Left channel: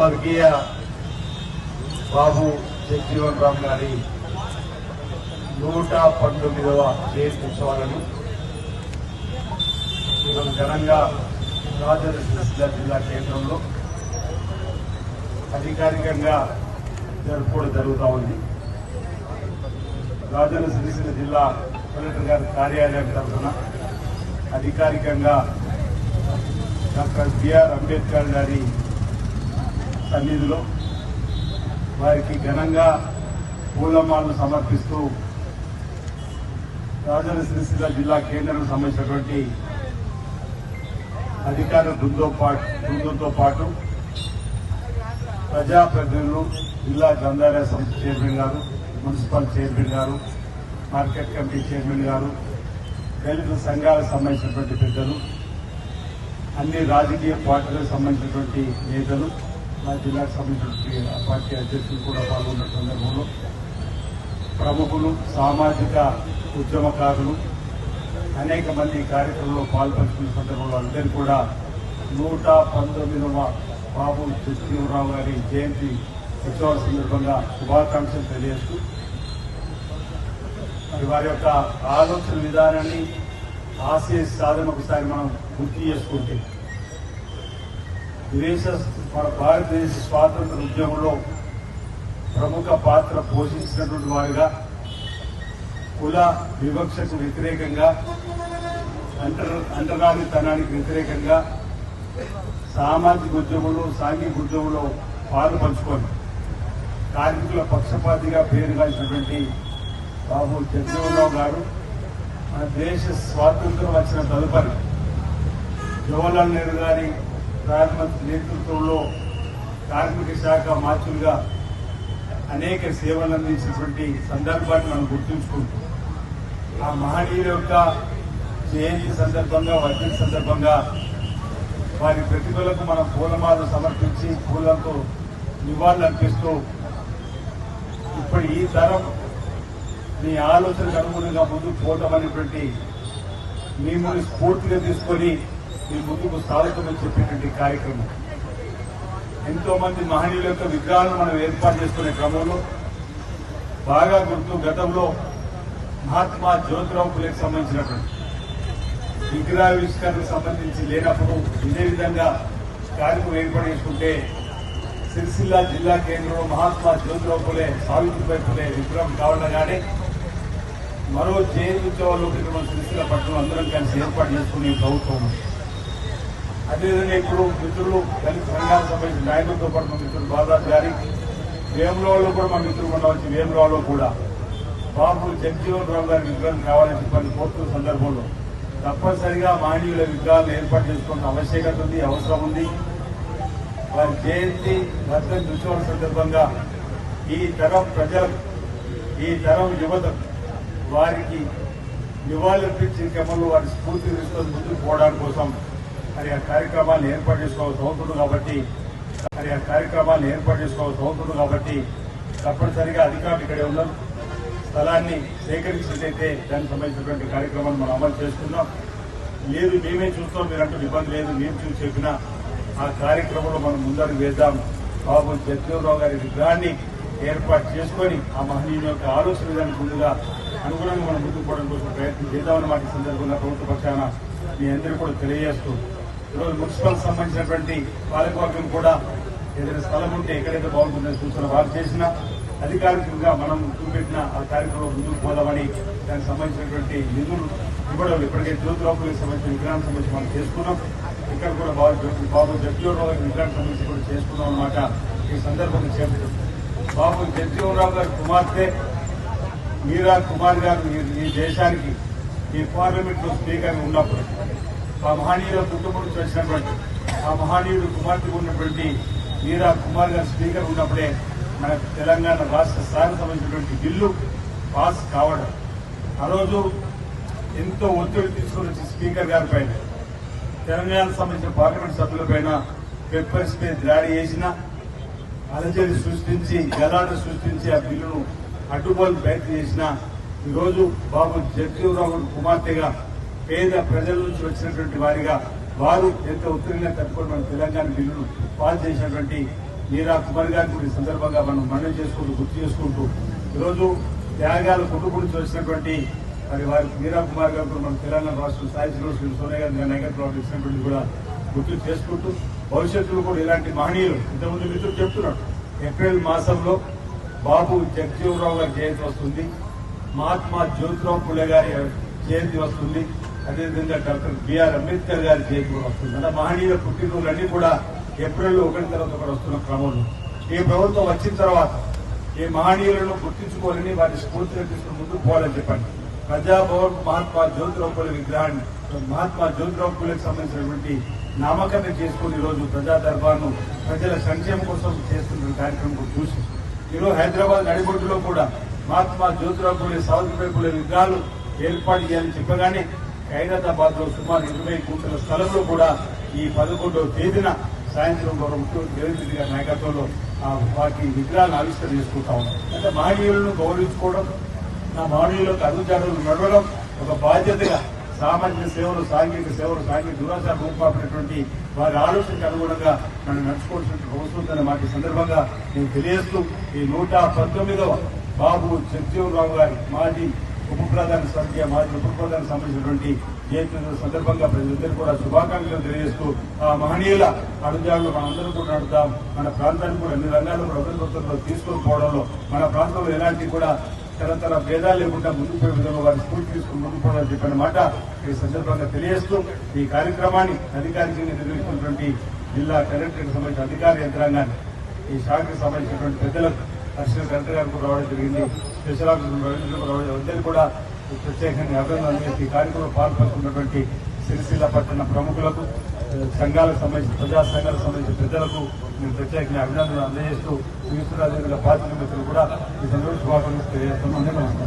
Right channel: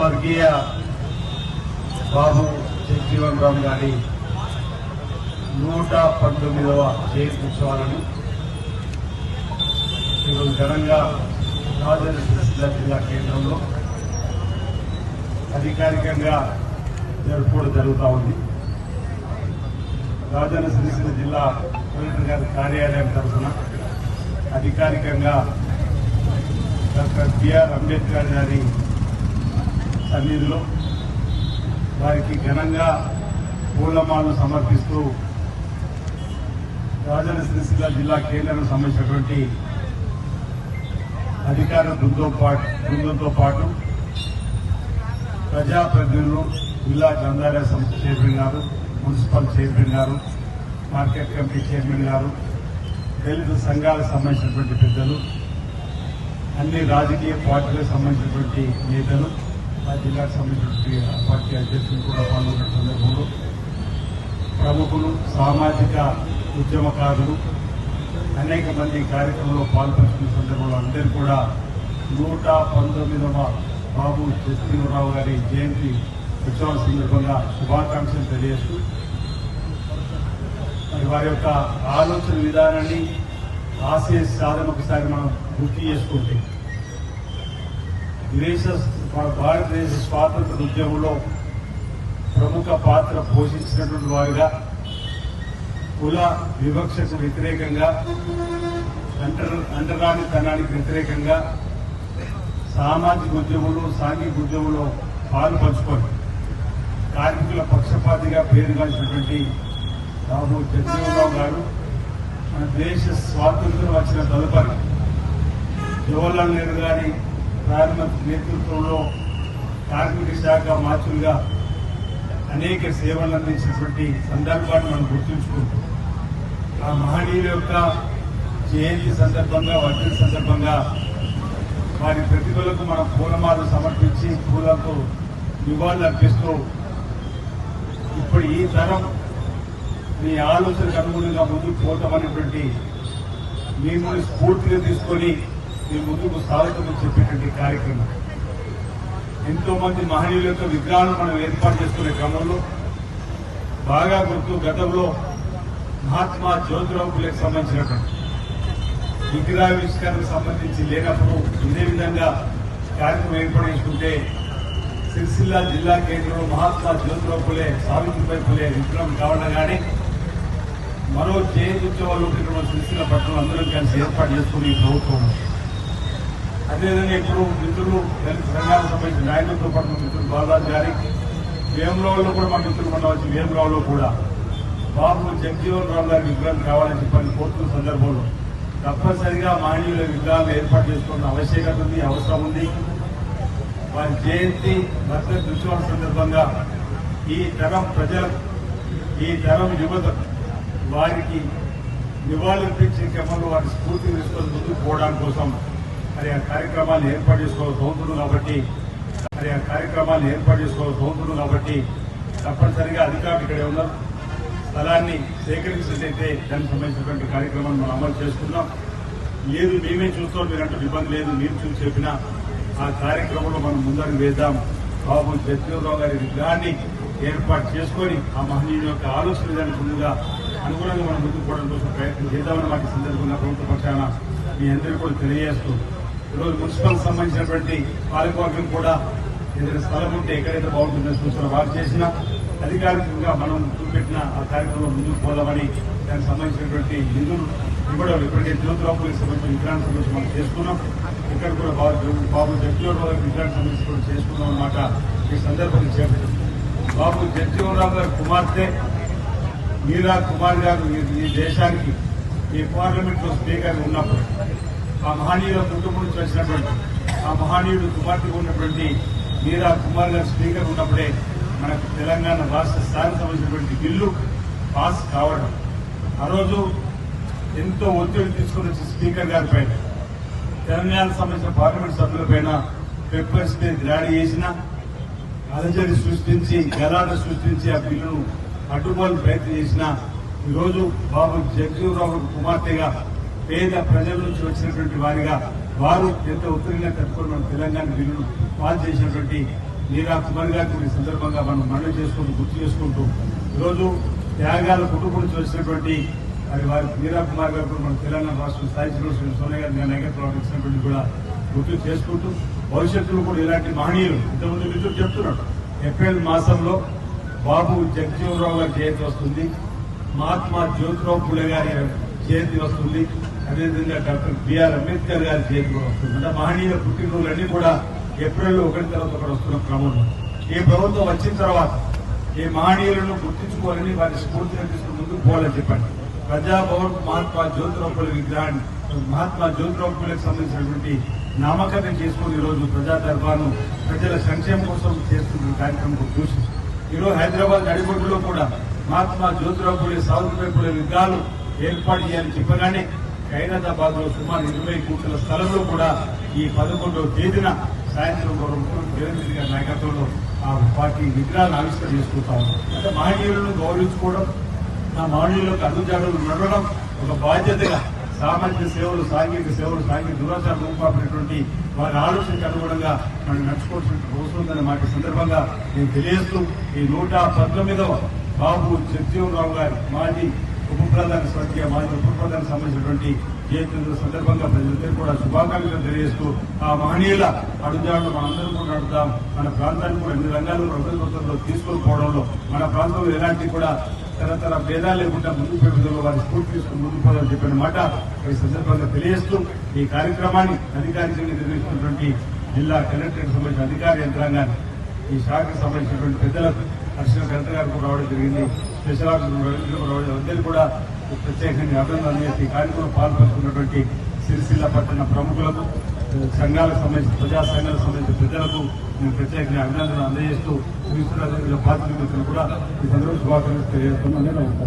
స్వర్గీయ బాబు జగజీవన్ రామ్ గారి 119వ జయంతి ఉత్సవాలను ఈరోజు ఘనంగా రాజన్న సిరిసిల్ల జిల్లా కేంద్రంలో అధికారికంగా జరుపుకోవడం జరుగుతూ ఉంది. రాజన్న సిరిసిల్ల జిల్లా కలెక్టర్ గారి కార్యాలయం తరఫున అధికారికంగా డాక్టర్ బిఆర్ అంబేద్కర్ గారి సన్నిధిలో వారికి ఘనంగా పూలమాలను సమర్పిస్తూ రాజన్న సిరిసిల్ల జిల్లా కేంద్రం సంబంధించినటువంటి అధికార బృందంతో పాటు ప్రజాప్రతినిధులు, జిల్లా గ్రంథాలయ సంస్థ చైర్మన్ గారు, మున్సిపల్ చైర్మన్ గారు, మార్కెట్ కమిటీ చైర్మన్ గారు, దళిత సంఘాలకు సంబంధించినటువంటి పెద్దలు, అన్ని రాజకీయ పార్టీలకు సంబంధించినటువంటి నేతలు, ఆ జిల్లాకు సంబంధించినటువంటి పార్టీ అధ్యక్షులు కూడా పాల్గొన్న సందర్భంలో ప్రముఖులు, సామాజిక ఉద్యమకారులు అనేక మంది కార్యక్రమంలో పాల్గొంటున్న సందర్భంలో అందరూ కూడా 119వ బాబు జగజీవన్ గారి జయంతి ఉత్సవాల సందర్భంగా శుభాకాంక్షలు తెలియజేస్తూ వారి యొక్క ఆలోచన విధానాన్ని ఆశయ సాధన ఒకసారి మనం గుర్తు చేసుకుంటే భారతదేశ స్వాతంత్ర ఉద్యమంలో ప్రముఖ పాత్ర పోషించినటువంటి వారుగా కుల వివక్షకు వ్యతిరేకంగా, అంటరానితనానికి వ్యతిరేకంగా సామాజిక ఉద్యమంలో, సాంఘిక ఉద్యమంలో పాలు పంచుకొని కార్మికుల పక్షపాతిగా పేరుగాల్సినటువంటి బాబు జగజీవన్ రామ్ గారు మన దేశ స్వాతంత్ర్యం వచ్చిన తదుపరి జవహర్లాల్ నెహ్రూ గారి ప్రాథమిక నేతృత్వంలో కార్మిక శాఖ మార్చులుగా అనేక సేవలు అందించినటువంటి సందర్భాన్ని మనం గుర్తుంచుకుంటాం. ఆ మహనీయుల యొక్క జయంతి సందర్భంగా, వర్ధంతి సందర్భంగా వారి ప్రతిభలకు మనం పూలమాలను సమర్పించి పూలతో నివాళులు అర్పిస్తూ ఇప్పుడు ఈ తరం మీ ఆలోచనకు అనుగుణంగా ముందుకు పోవటం అనేటువంటి మిమ్మల్ని స్ఫూర్తిగా తీసుకొని మీ ముందుకు సాగుతుందని చెప్పేటువంటి కార్యక్రమం. ఎంతో మంది మహనీయుల యొక్క విగ్రహాలను మనం ఏర్పాటు చేసుకునే క్రమంలో బాగా గుర్తు గతంలో మహాత్మా జ్యోతిరావు ఫులేకి సంబంధించినటువంటి విగ్రహావిష్కరణకు సంబంధించి లేనప్పుడు ఇదే విధంగా కార్యక్రమం ఏర్పాటు చేసుకుంటే సిరిసిల్ల జిల్లా కేంద్రంలో మహాత్మా జ్యోతిరావు ఫులే, సావిత్రిబాయి ఫులే విగ్రహం కావడం కానీ మరో జయంతి ఉత్సవాలు మన సిరిసిల్ల పట్టణం అందరం కలిసి ఏర్పాటు చేసుకునే ప్రభుత్వం. అదేవిధంగా ఇప్పుడు మిత్రులు దళిత సంఘాలకు సంబంధించిన నాయకులతో పాటు మిత్రులు బాలాజీ గారి వేములవాడలో కూడా మా మిత్రులు మన వేములవాడలో కూడా బాబు జగజీవన్ రామ్ గారి విగ్రహం కావాలని చెప్పని కోరుతున్న సందర్భంలో తప్పనిసరిగా మహనీయుల విగ్రహాలు ఏర్పాటు చేసుకోవాల్సిన ఆవశ్యకత ఉంది, అవసరం ఉంది. వారి జయంతి వర్ధంతి ఉత్సవం సందర్భంగా ఈ తరం ప్రజలు, ఈ తరం యువత వారికి నివాళులర్పించే క్రమంలో వారి స్ఫూర్తి తీసుకొని ముందుకు పోవడం కోసం మరి ఆ కార్యక్రమాలను ఏర్పాటు చేసుకోవాల్సి అవుతుంది. కాబట్టి తప్పనిసరిగా అధికారులు ఇక్కడ ఉన్న స్థలాన్ని సేకరించినట్లయితే దానికి సంబంధించినటువంటి కార్యక్రమాన్ని మనం అమలు చేస్తున్నాం. లేదు మేమే చూస్తాం, మీరంటే ఇబ్బంది లేదు, మేము చూసి చెప్పినా ఆ కార్యక్రమంలో మనం ముందడుగు వేద్దాం. బాబు జగజీవన్ రామ్ గారి విగ్రహాన్ని ఏర్పాటు చేసుకొని ఆ మహనీయుల యొక్క ఆలోచన విధానికి ముందుగా అనుగుణంగా మనం ముందుకు పోవడం కోసం ప్రయత్నం చేద్దామని మాకు సందర్భంగా ప్రభుత్వ పక్షాన మీ అందరూ కూడా తెలియజేస్తూ ఈరోజు మున్సిపల్ సంబంధించినటువంటి పాలకవర్గం కూడా ఏదైనా స్థలం ఉంటే ఎక్కడైతే బాగుంటుందని సూచన వారు చేసినా అధికారికంగా మనం చూపెట్టిన ఆ కార్యక్రమంలో ముందుకు పోదామని దానికి సంబంధించినటువంటి నిధులు ఇవ్వడం ఇప్పటికే జ్యోతిరావులకు సంబంధించిన విగ్రహానికి సంబంధించి మనం చేసుకున్నాం. ఇక్కడ కూడా బాబు జగజీవన్ రామ్ విగ్రహానికి సంబంధించి కూడా చేసుకున్నాం అన్నమాట. ఈ సందర్భంగా చెప్పారు బాబు జగజీవన్ రామ్ గారి కుమార్తె మీరా కుమార్ గారు ఈ దేశానికి ఈ పార్లమెంట్ లో స్పీకర్ ఉన్నప్పుడు ఆ మహనీయుల కుటుంబం నుంచి వచ్చినటువంటి ఆ మహనీయుడు కుమార్తె ఉన్నటువంటి మీరా కుమార్ గారు స్పీకర్ ఉన్నప్పుడే మనకు తెలంగాణ రాష్ట్ర స్థాయికి సంబంధించినటువంటి బిల్లు పాస్ కావడం. ఆ రోజు ఎంతో ఒత్తిడి తీసుకుని వచ్చి స్పీకర్ గారి పైన తెలంగాణకు సంబంధించిన పార్లమెంట్ సభ్యులపైన పెప్పర్ స్ప్రే దాడి చేసిన అలజడి సృష్టించి గలాట సృష్టించి ఆ బిల్లును అడ్డుకోవాలని ప్రయత్నం చేసిన ఈరోజు బాబు జగజీవన్ రామ్ కుమార్తెగా పేద ప్రజల నుంచి వచ్చినటువంటి వారిగా వారు ఎంతో ఉత్తరంగా కట్టుకొని మన తెలంగాణ బిల్లును పాస్ చేసినటువంటి మీరా కుమార్ గారికి ఈ సందర్భంగా మనం మనవి చేసుకుంటూ గుర్తు చేసుకుంటూ ఈరోజు త్యాగాల కుటుంబం వచ్చినటువంటి మరి వారి మీరా కుమార్ గారు మన తెలంగాణ రాష్ట్ర స్థాయి శ్రీ సోనియా గాంధీ నాయకత్వం ప్రవర్తించినటువంటి కూడా గుర్తు చేసుకుంటూ భవిష్యత్తులో కూడా ఇలాంటి మహనీయులు ఇంతకుముందు మిత్రులు చెప్తున్నారు. ఏప్రిల్ మాసంలో బాబు జగజీవనరావు గారి జయంతి వస్తుంది, మహాత్మా జ్యోతిరావు పులే గారి జయంతి వస్తుంది, అదేవిధంగా డాక్టర్ బిఆర్ అంబేద్కర్ గారి జయంతి కూడా వస్తుంది. అంటే మహనీయుల పుట్టినరోజులన్నీ కూడా ఏప్రిల్లో 1 తర్వాత కూడా వస్తున్న క్రమంలో ఈ ప్రభుత్వం వచ్చిన తర్వాత ఈ మహనీయులను గుర్తించుకోవాలని వారి స్ఫూర్తిని తీసుకుని ముందుకు పోవాలని చెప్పండి. ప్రజాభవన్ మహాత్మా జ్యోతిరావు పులే విగ్రహాన్ని మహాత్మా జ్యోతిరావు పులేకి సంబంధించినటువంటి నామకరణం చేసుకుని ఈరోజు ప్రజా దర్బార్ను ప్రజల సంక్షేమం కోసం చేస్తున్న కార్యక్రమం చూసి ఈరోజు హైదరాబాద్ నడిబొడ్డులో కూడా మహాత్మా జ్యోతిరావు పులే సావిత్రిబాయి పులే విగ్రహాలు ఏర్పాటు చేయాలని చెప్పగానే ఖైరతాబాద్ లో సుమారు 20 కోట్ల స్థలంలో కూడా ఈ 11వ తేదీన సాయంత్రం ముఖ్యమంత్రి రేవంత్ రెడ్డి గారి నాయకత్వంలో వాటి విగ్రహాలను ఆవిష్కరణ చేసుకుంటా ఉన్నాం. అంటే మహనీయులను గౌరవించుకోవడం, ఆ మహనీయులకు అడుగుజాడలు నడవడం ఒక బాధ్యతగా సామాజిక సేవలు, సాంఘిక సేవలు, సాంఘిక దురాచార రూపాపడినటువంటి వారి ఆలోచనకు అనుగుణంగా మనం నడుచుకోవాల్సిన అవసరం మాట సందర్భంగా నేను తెలియజేస్తూ ఈ 119వ బాబు జగజీవనరావు గారి మాజీ ఉప ప్రధాని స్వర్గీయ మాజీ ఉప ప్రధానికి సంబంధించినటువంటి జయంతి సందర్భంగా ప్రజలందరూ కూడా శుభాకాంక్షలు తెలియజేస్తూ ఆ మహనీయుల అడుగుజాడలు మనందరూ కూడా నడుద్దాం. మన ప్రాంతాన్ని కూడా అన్ని రంగాల్లో కూడా అభివృద్ధిలో తీసుకొని పోవడంలో మన ప్రాంతంలో ఎలాంటి కూడా తరతర భేదాలు లేకుండా ముందుకు విధంగా వారి స్ఫూర్తి తీసుకుని ముందుకు పోవాలని చెప్పిన మాట ఈ సందర్భంగా తెలియజేస్తూ ఈ కార్యక్రమాన్ని అధికారికంగా నిర్వహిస్తున్నటువంటి జిల్లా కలెక్టర్కి సంబంధించిన అధికార యంత్రాంగాన్ని, ఈ శాఖకు సంబంధించినటువంటి పెద్దలకు అడిషనల్ కలెక్టర్ గారికి రావడం జరిగింది, స్పెషల్ ఆఫీసర్ రావడం అందరికీ కూడా ప్రత్యేకంగా అభినందనలు చేసి ఈ కార్యక్రమంలో పాల్పంచుకున్నటువంటి సిరిసిల్ల పట్టణ ప్రముఖులకు, సంఘాలకు సంబంధించిన ప్రజా సంఘాలకు సంబంధించిన పెద్దలకు నేను ప్రత్యేకంగా అభినందనలు అందజేస్తూ పార్టీ కూడా ఈ సందర్భంగా శుభాకాంక్షలు తెలియజేస్తున్నాను.